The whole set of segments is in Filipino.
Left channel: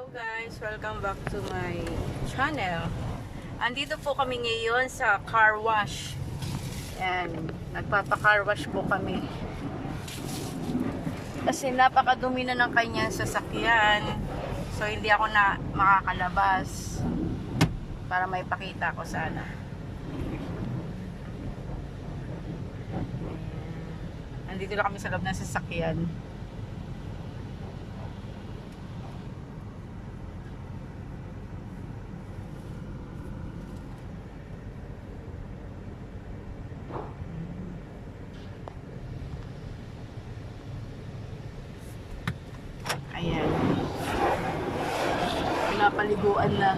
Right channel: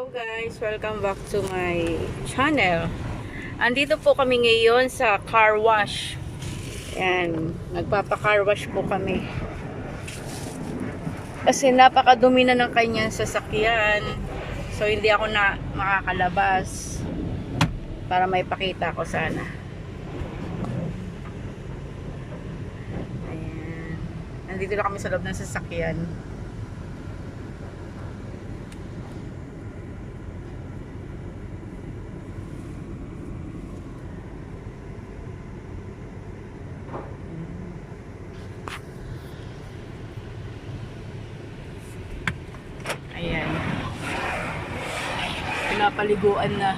Hello guys, welcome back to my channel. Andito po kami ngayon sa car wash. Ayan, nagpapa-car wash po kami. Kasi napakadumi na ng kanyang sasakyan. So hindi ako na makakalabas para may pakita ko sana. Ayan. Andito na kami sa loob ng sasakyan. Ayan. Pinapaliguan na.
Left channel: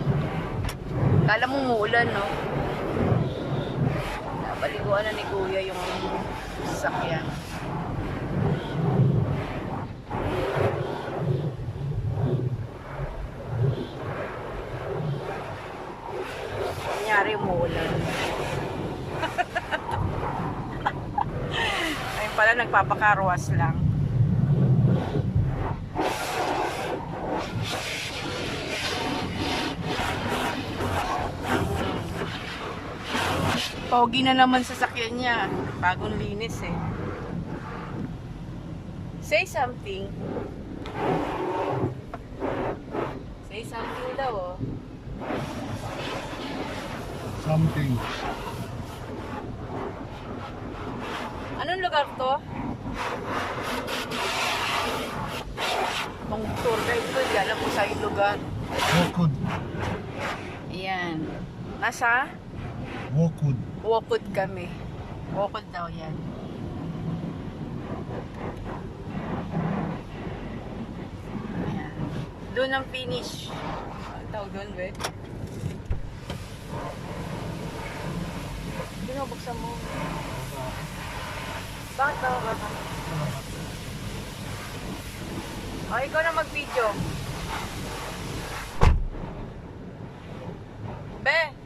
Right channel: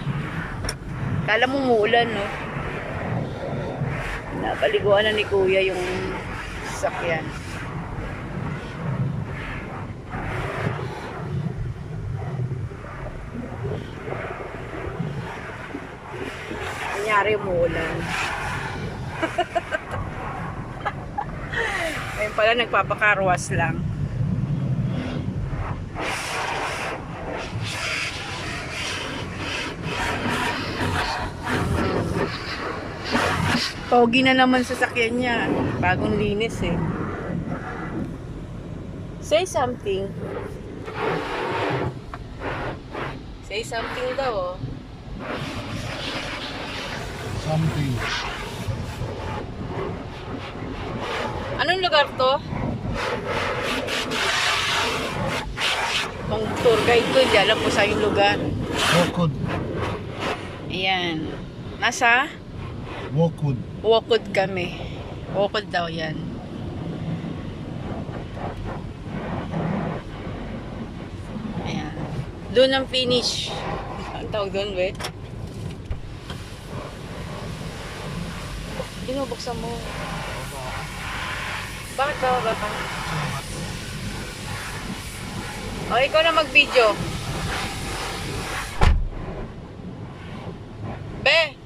Kala mo muulan, no? Pinapaliguan na ni Kuya yung sasakyan. Nangyari umuulan. Ayun pala, nagpapakarwas lang. Pogi na naman sasakyan niya. Bagong linis eh. Say something. Say something daw oh. Something. Anong lugar to? Kung tour guide ko, di alam ko sa yung lugar. Walkwood. Ayan. Nasa? Walkwood. Walkwood kami. Walkwood daw yan. Ayan. Doon ang finish. Ang tawag doon, wait. Binubuksan mo. Bakit ba ka? O, ikaw na mag-video. Be!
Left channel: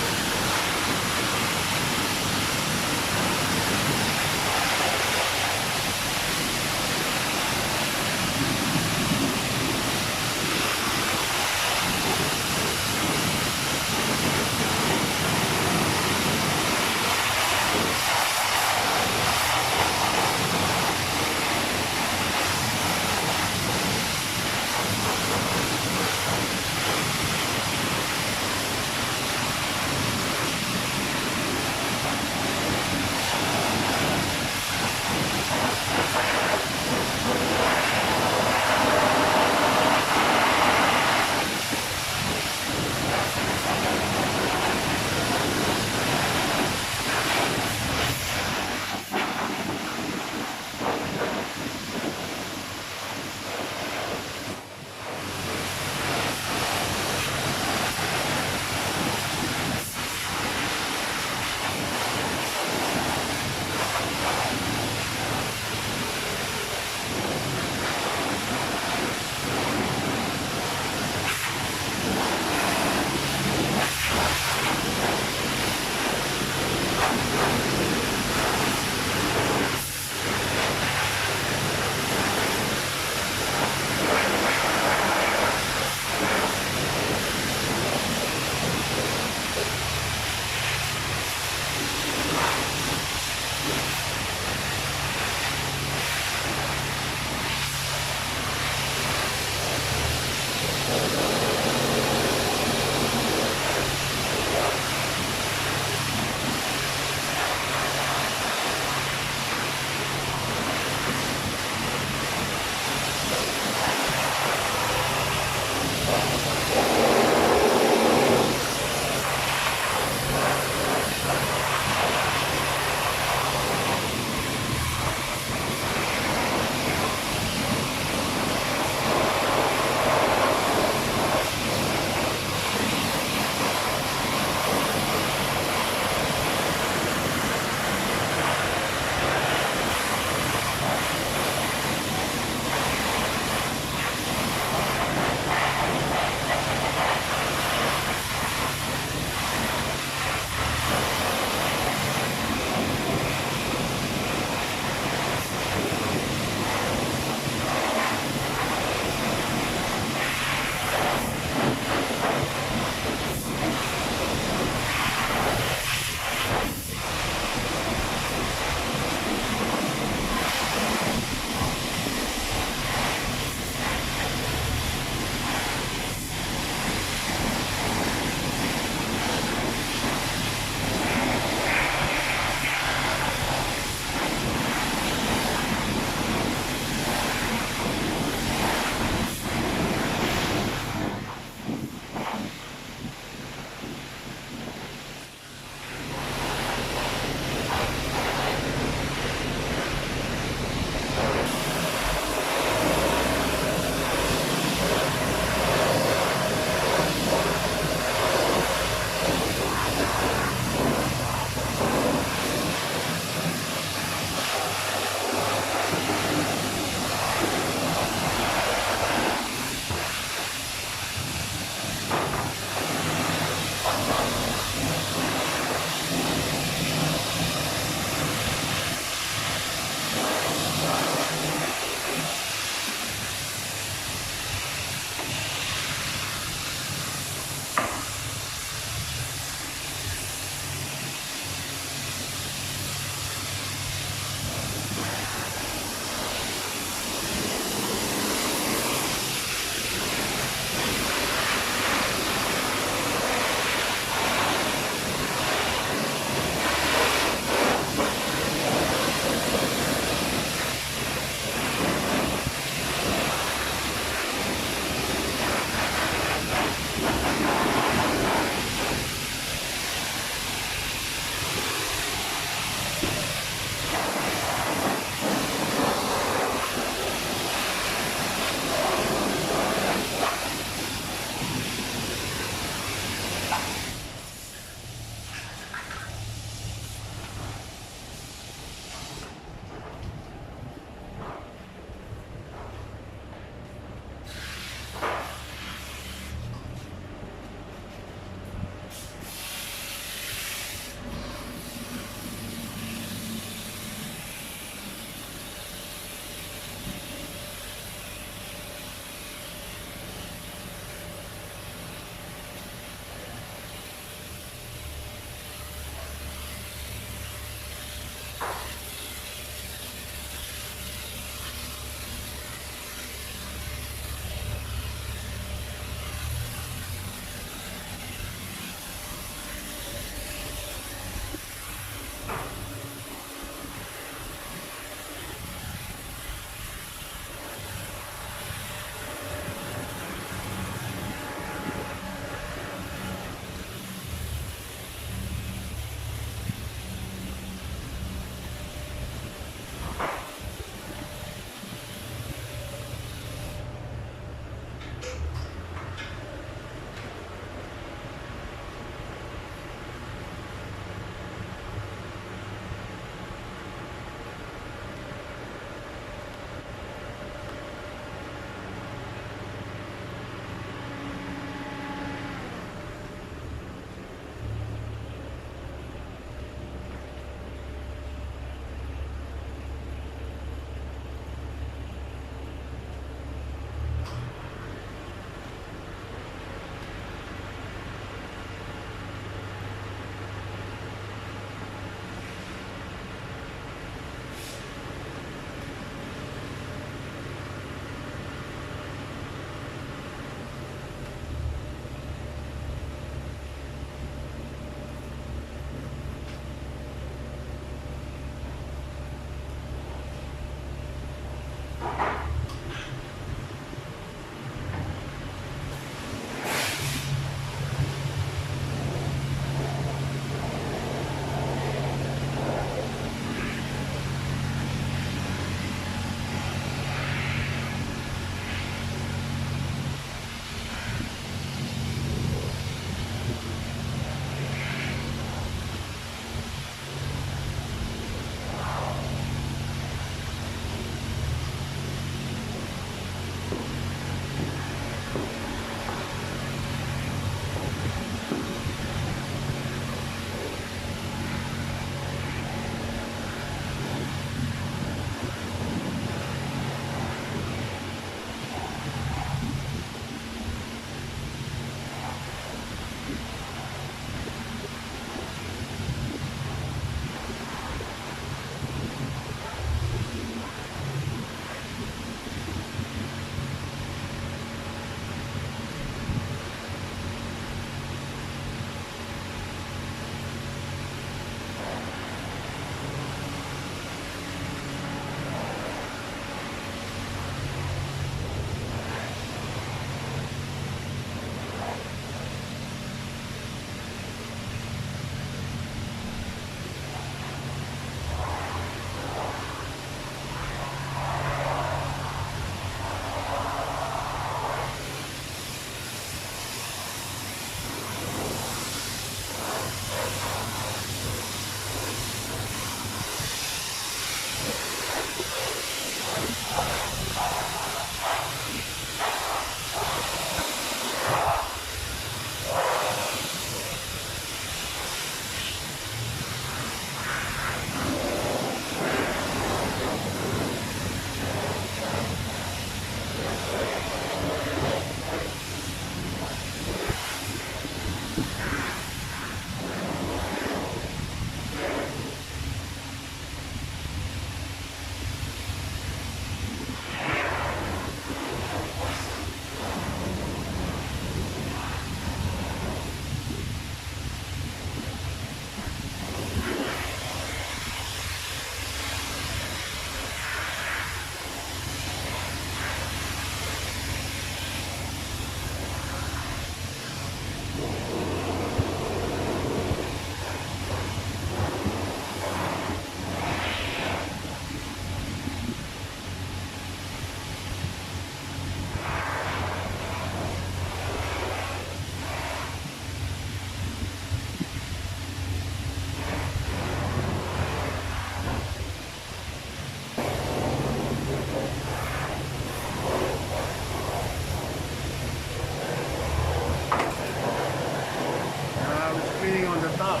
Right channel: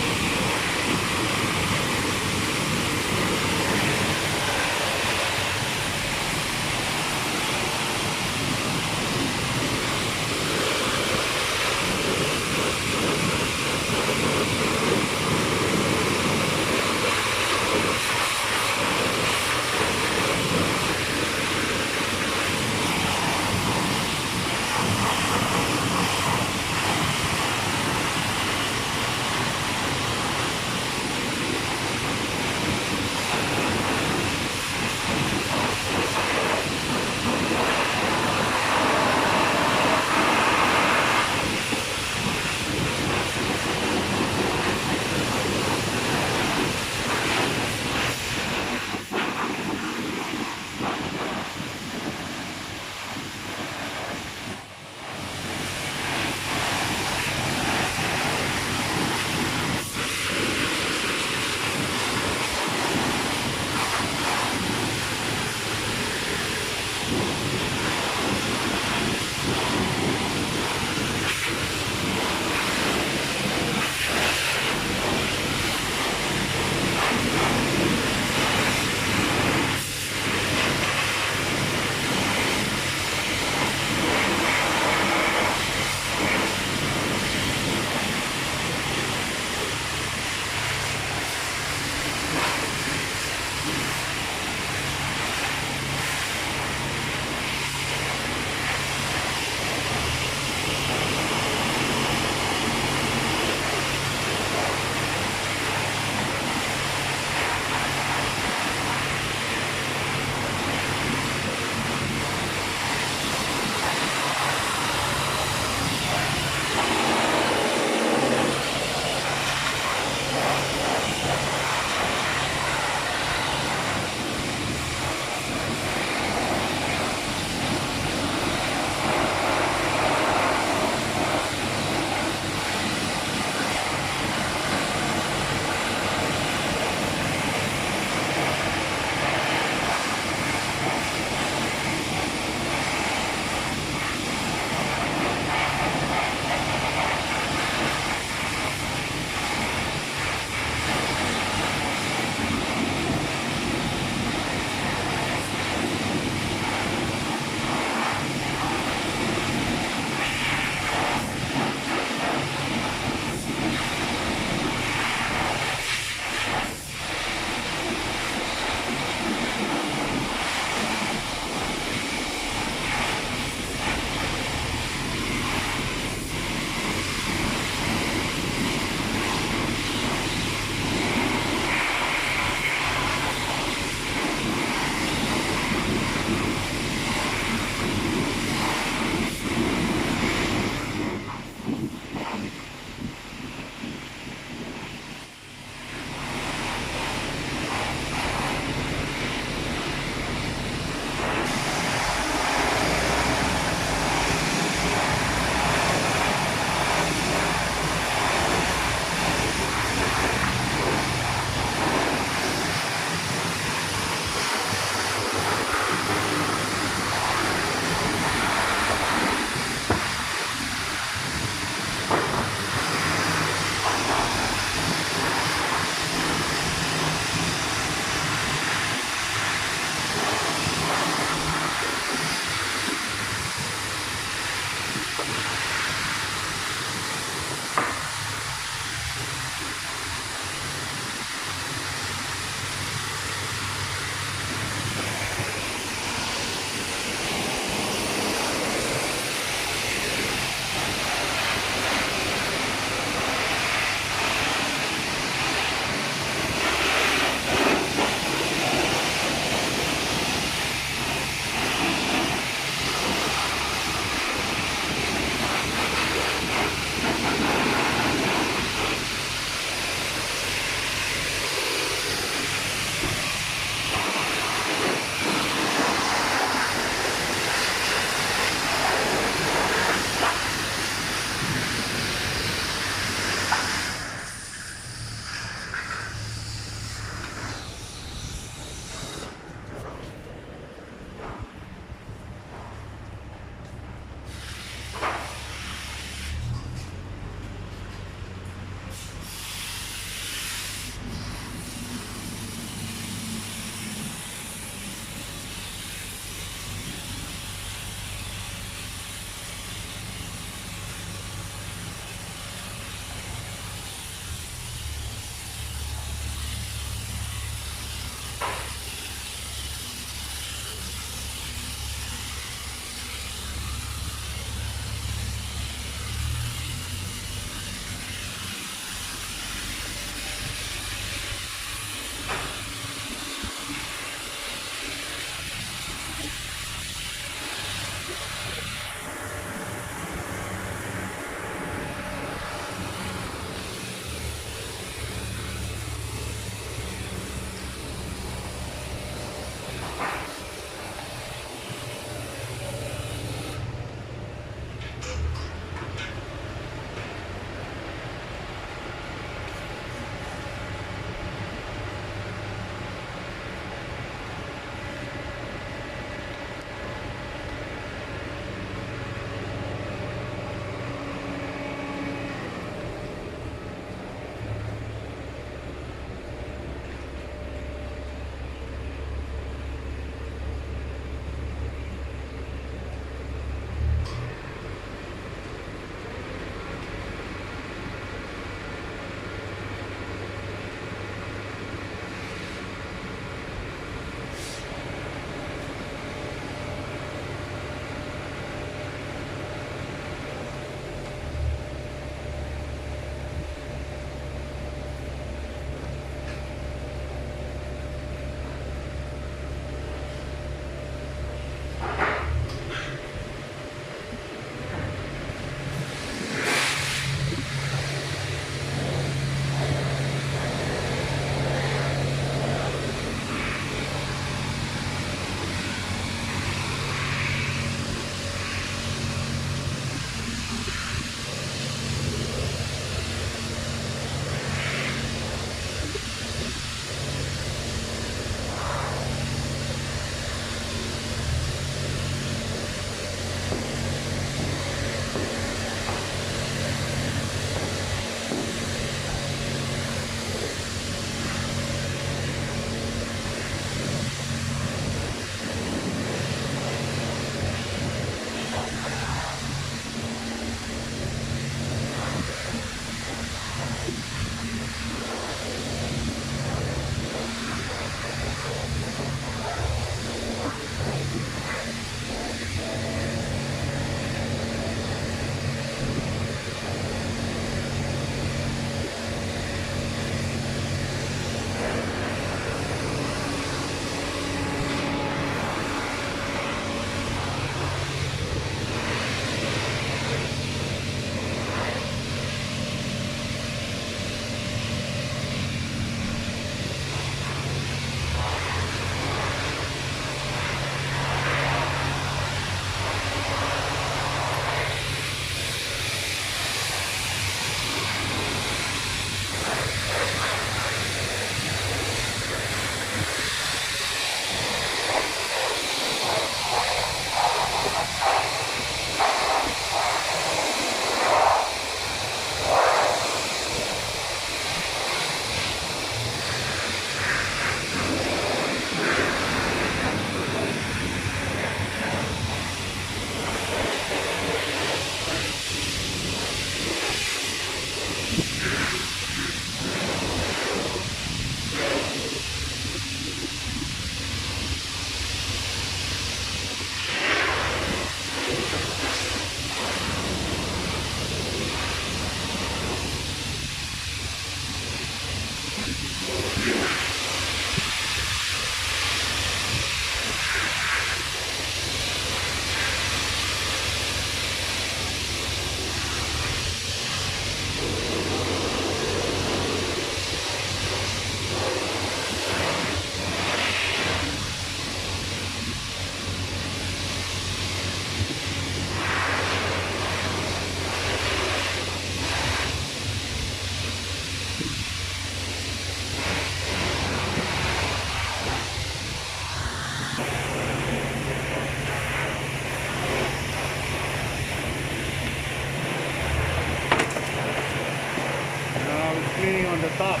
Stop.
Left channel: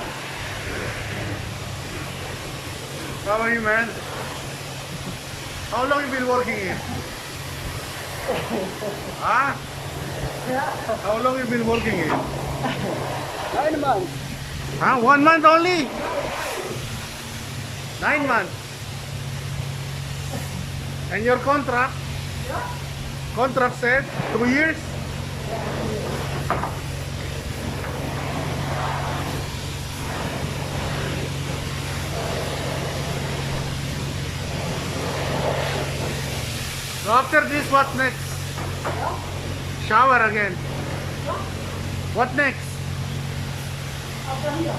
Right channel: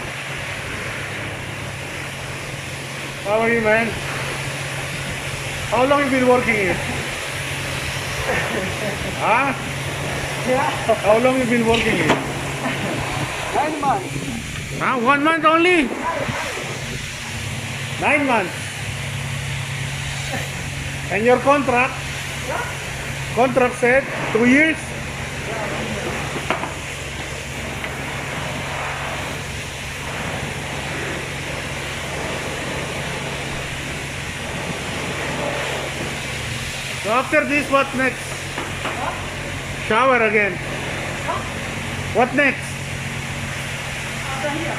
How are you, man? How long you been working here? Huh? Yeah, How long you been working here? 9 months. Huh? 1 month only? 9 months. And your contract? Contract said 2 years? So after this, what next? Shower again. What next? After here.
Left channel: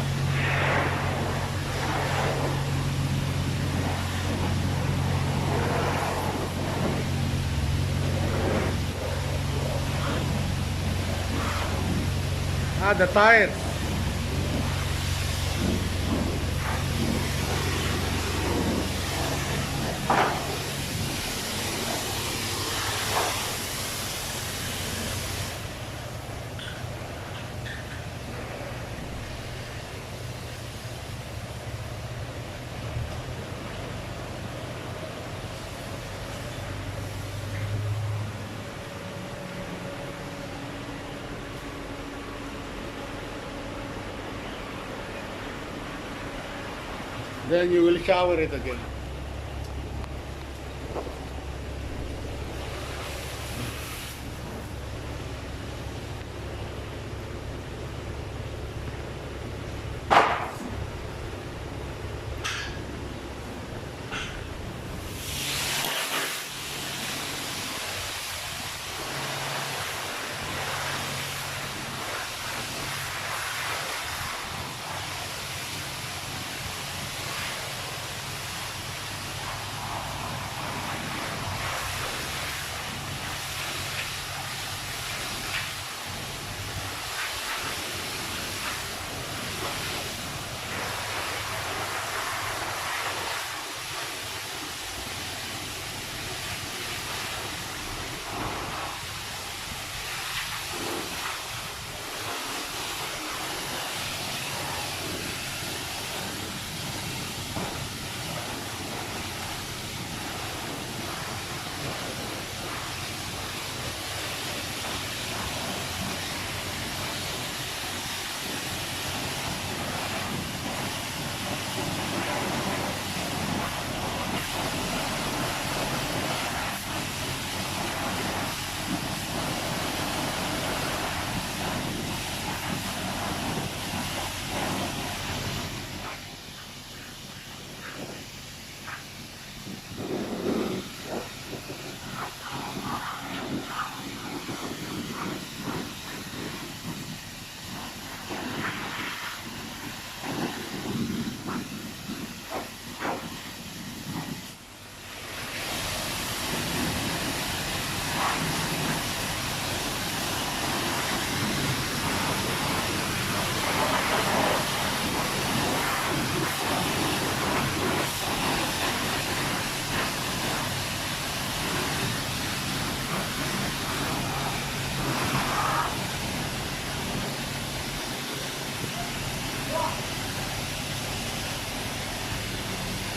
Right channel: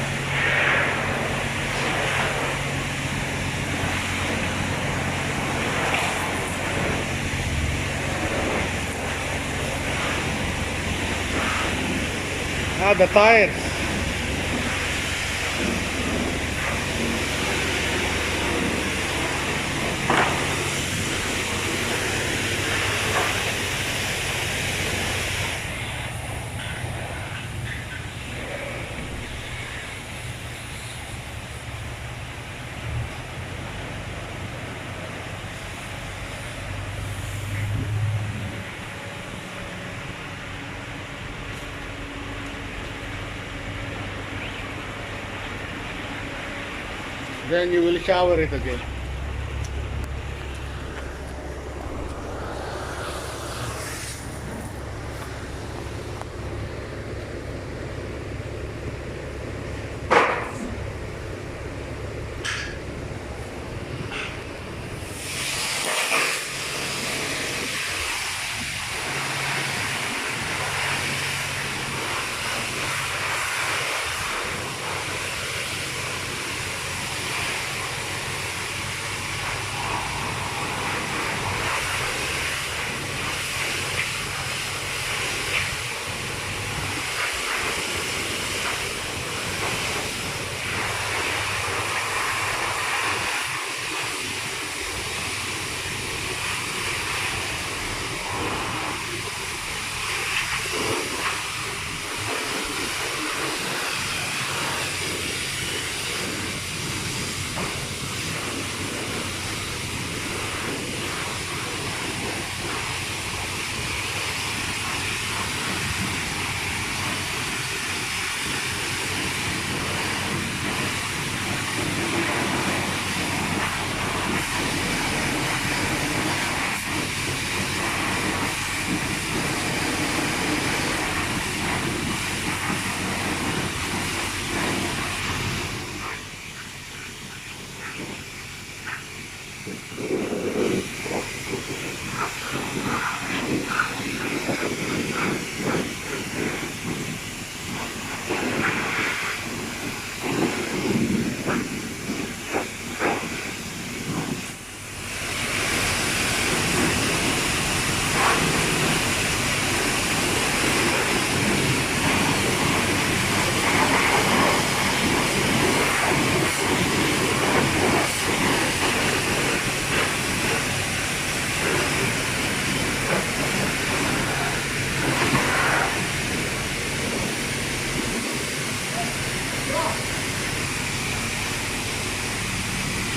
Ah, the tires. Then you will shower it again.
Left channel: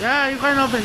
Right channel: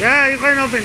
Yeah, you can open.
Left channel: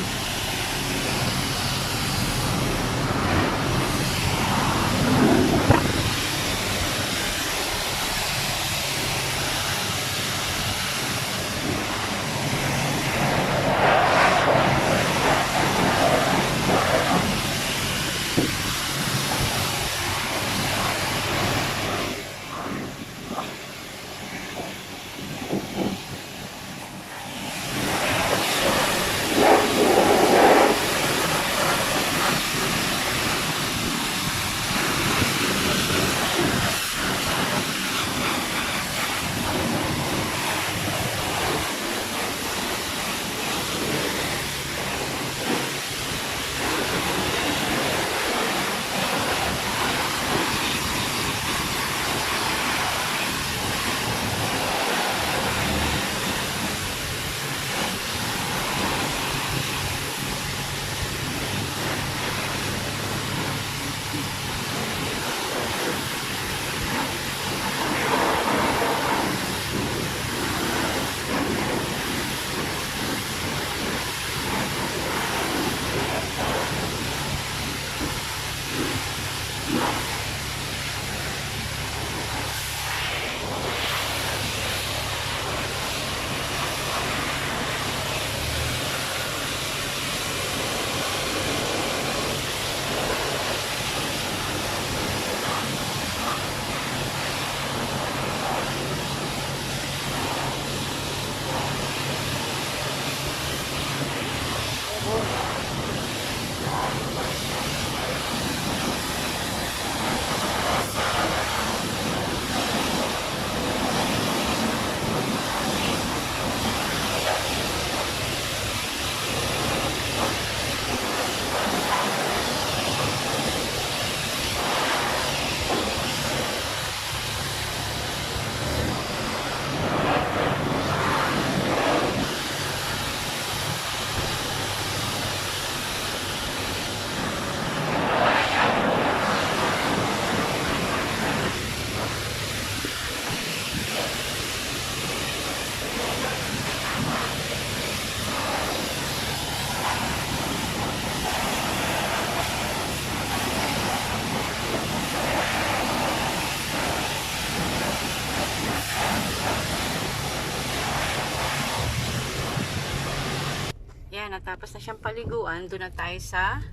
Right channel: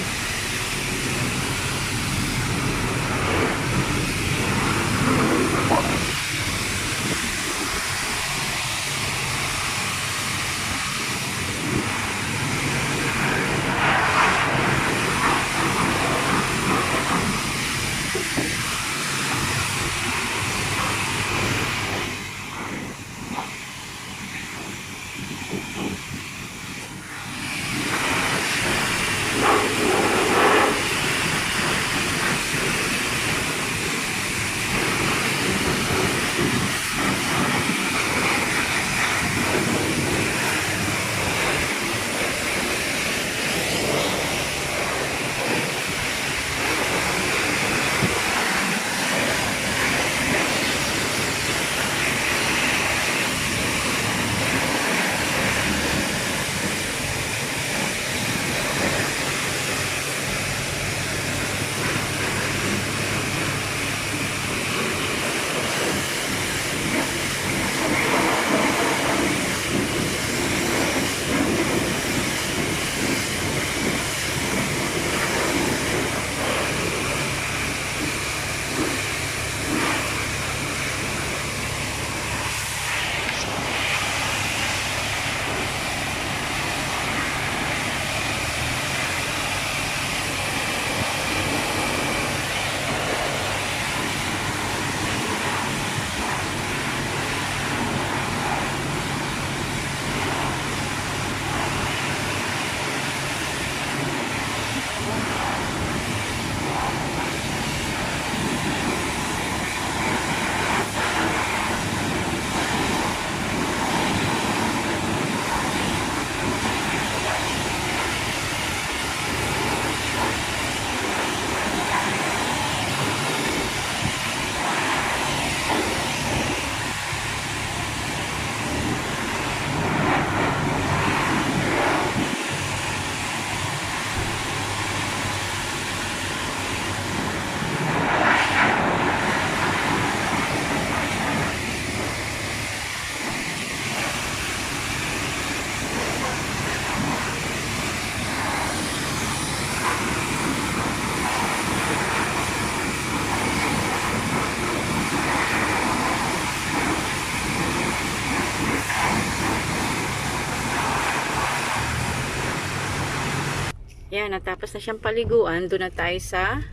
Yan, natapos na siyang paliguan. Doon na tayo sa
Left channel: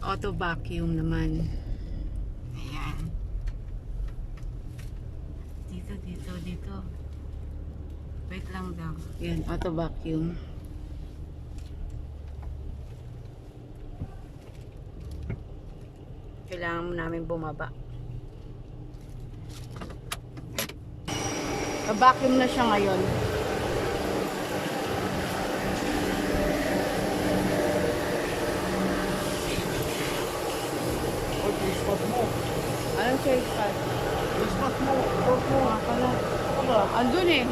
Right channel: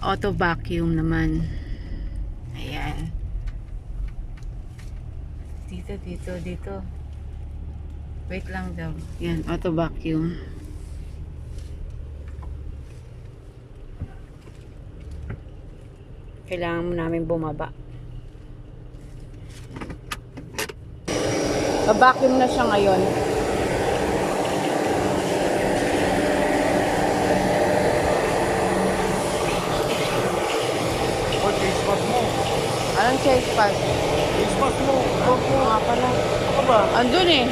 auto vacuum naman. Ayan. Dito. Wait lang daw. Yan, auto vacuum. Kailangan mo namin bumaba. Vacuum na siya ngayon. Oh, taste bud mo. Anong size pa? Taste bud mo. Opo nga pala. Ako ba? Andun eh.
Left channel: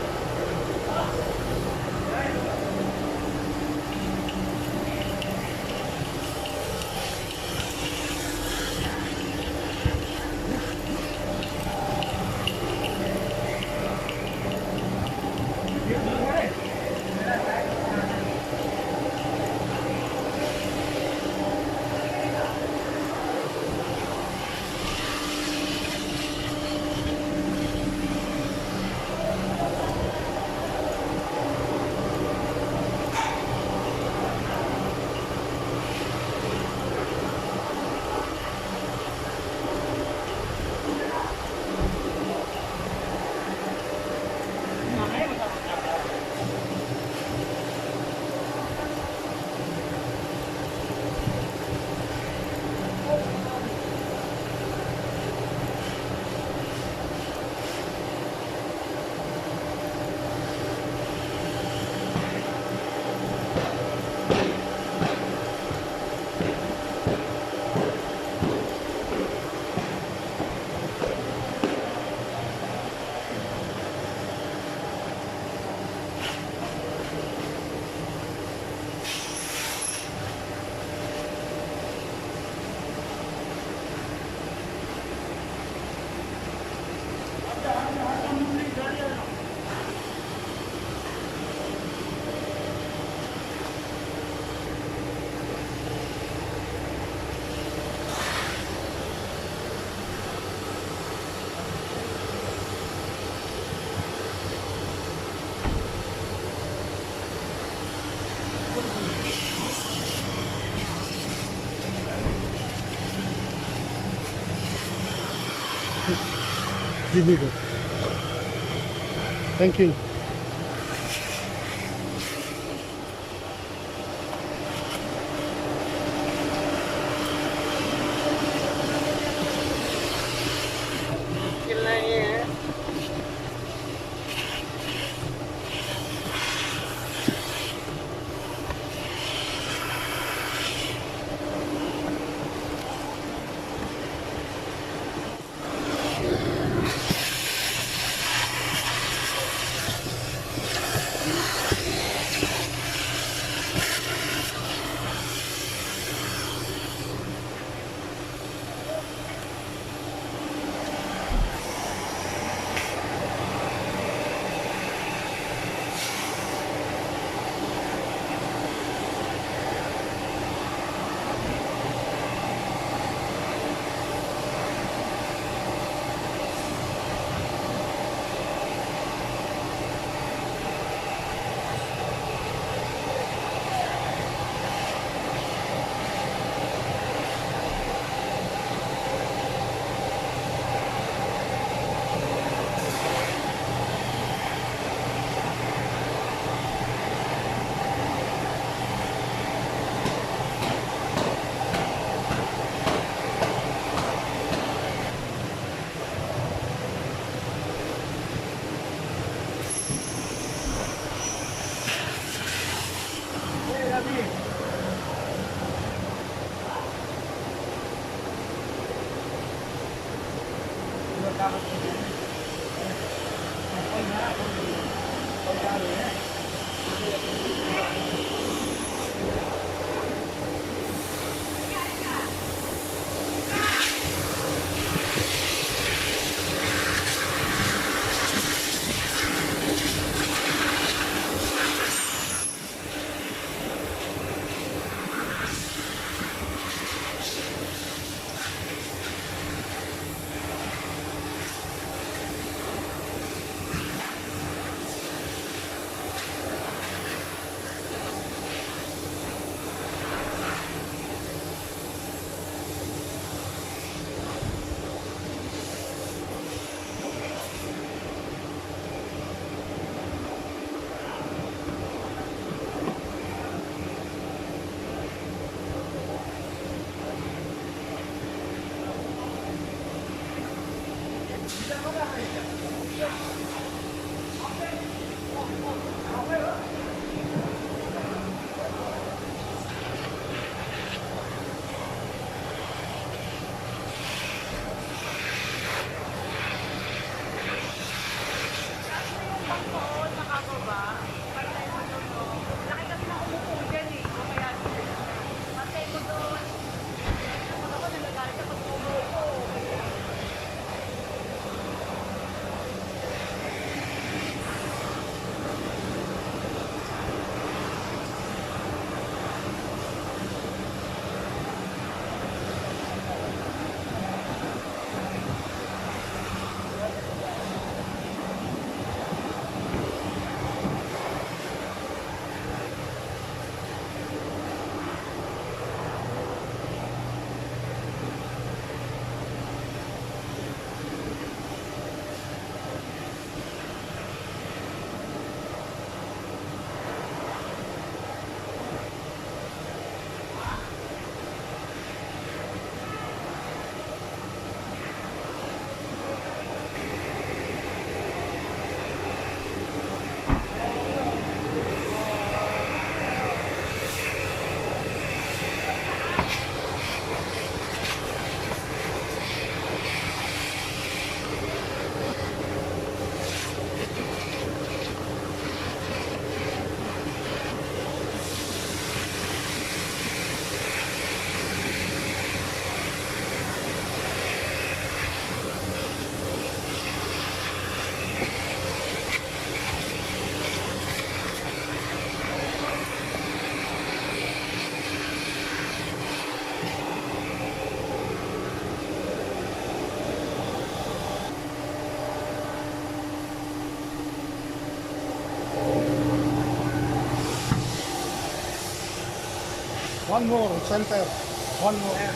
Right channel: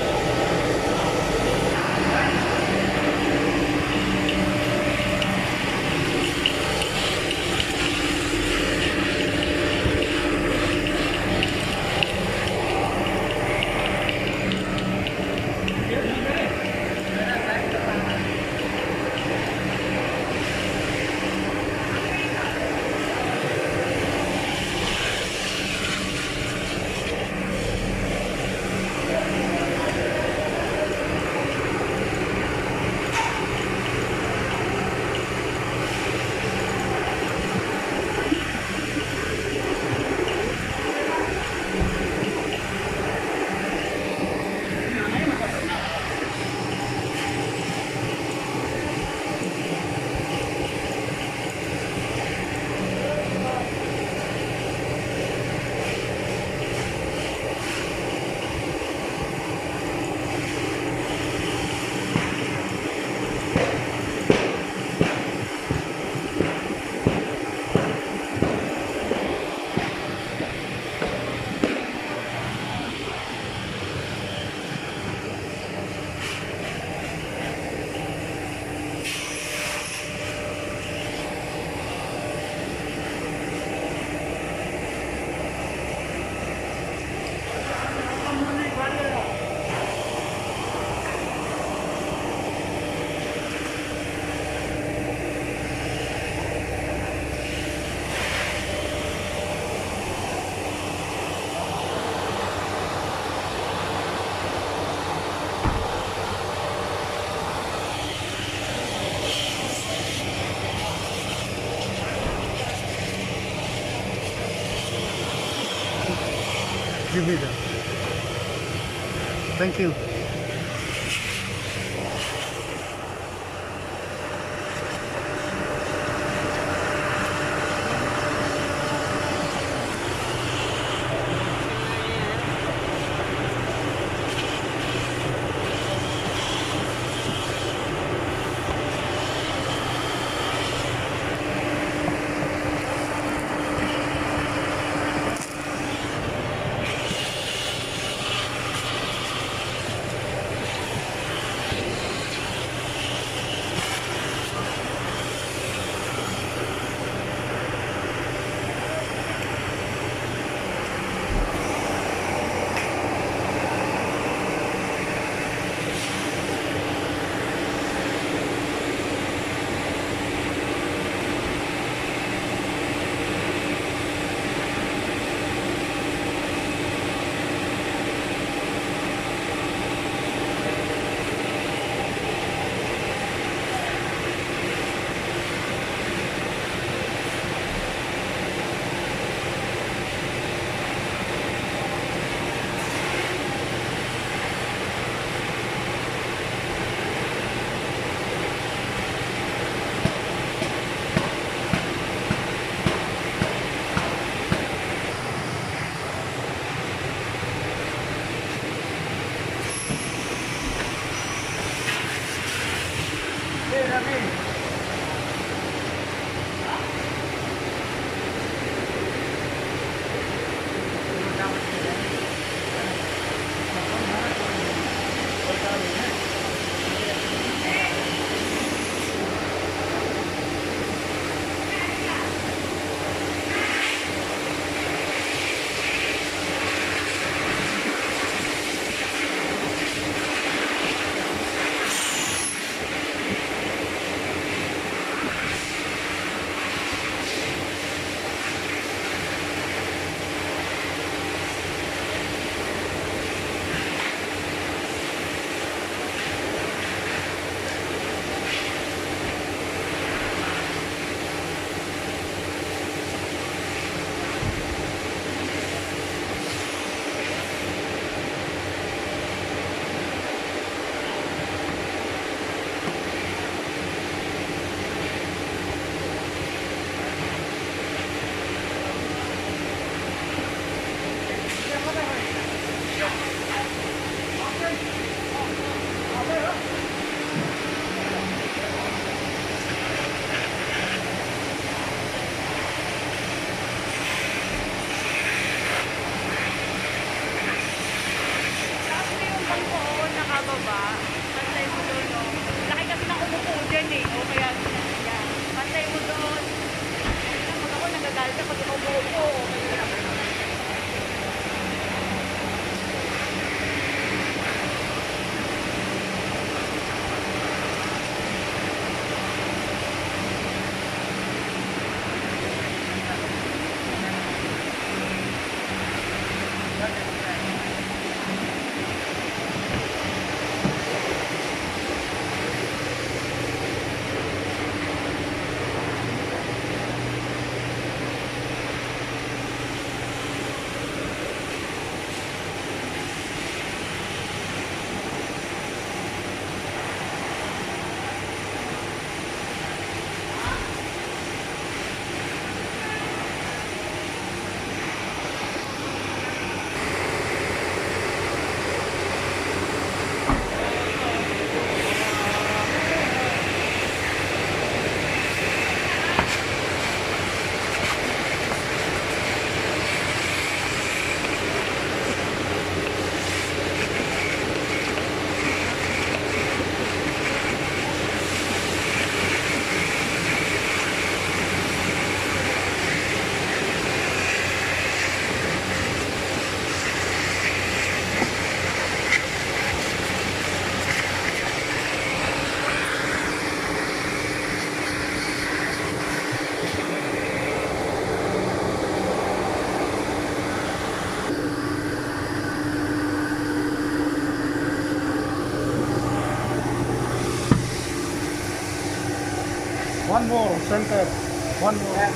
Give me that. Thank you. ba? Pantay mo doon, no? Laki kasi ng umupo dyan eh. O kaya, yan. Pantay mo doon. Yan, pag ako nagagalit ako, pag ikaw umupo, okay lang. One more, center. One more.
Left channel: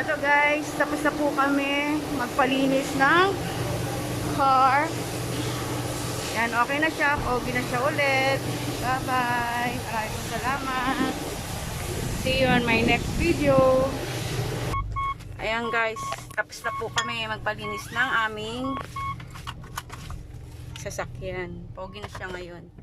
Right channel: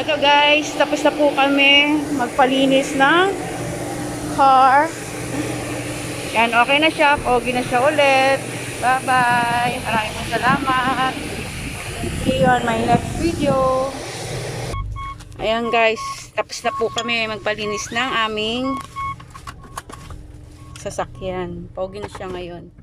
Ito guys, tapos na po kami magpalinis ng car. Yan, okay na siya. Okay na siya ulit. Bye-bye. Maraming po salamat. See you on my next video. Ayan guys, tapos na po kami magpalinis ng aming sasakyan. Pogi na siya ngayon.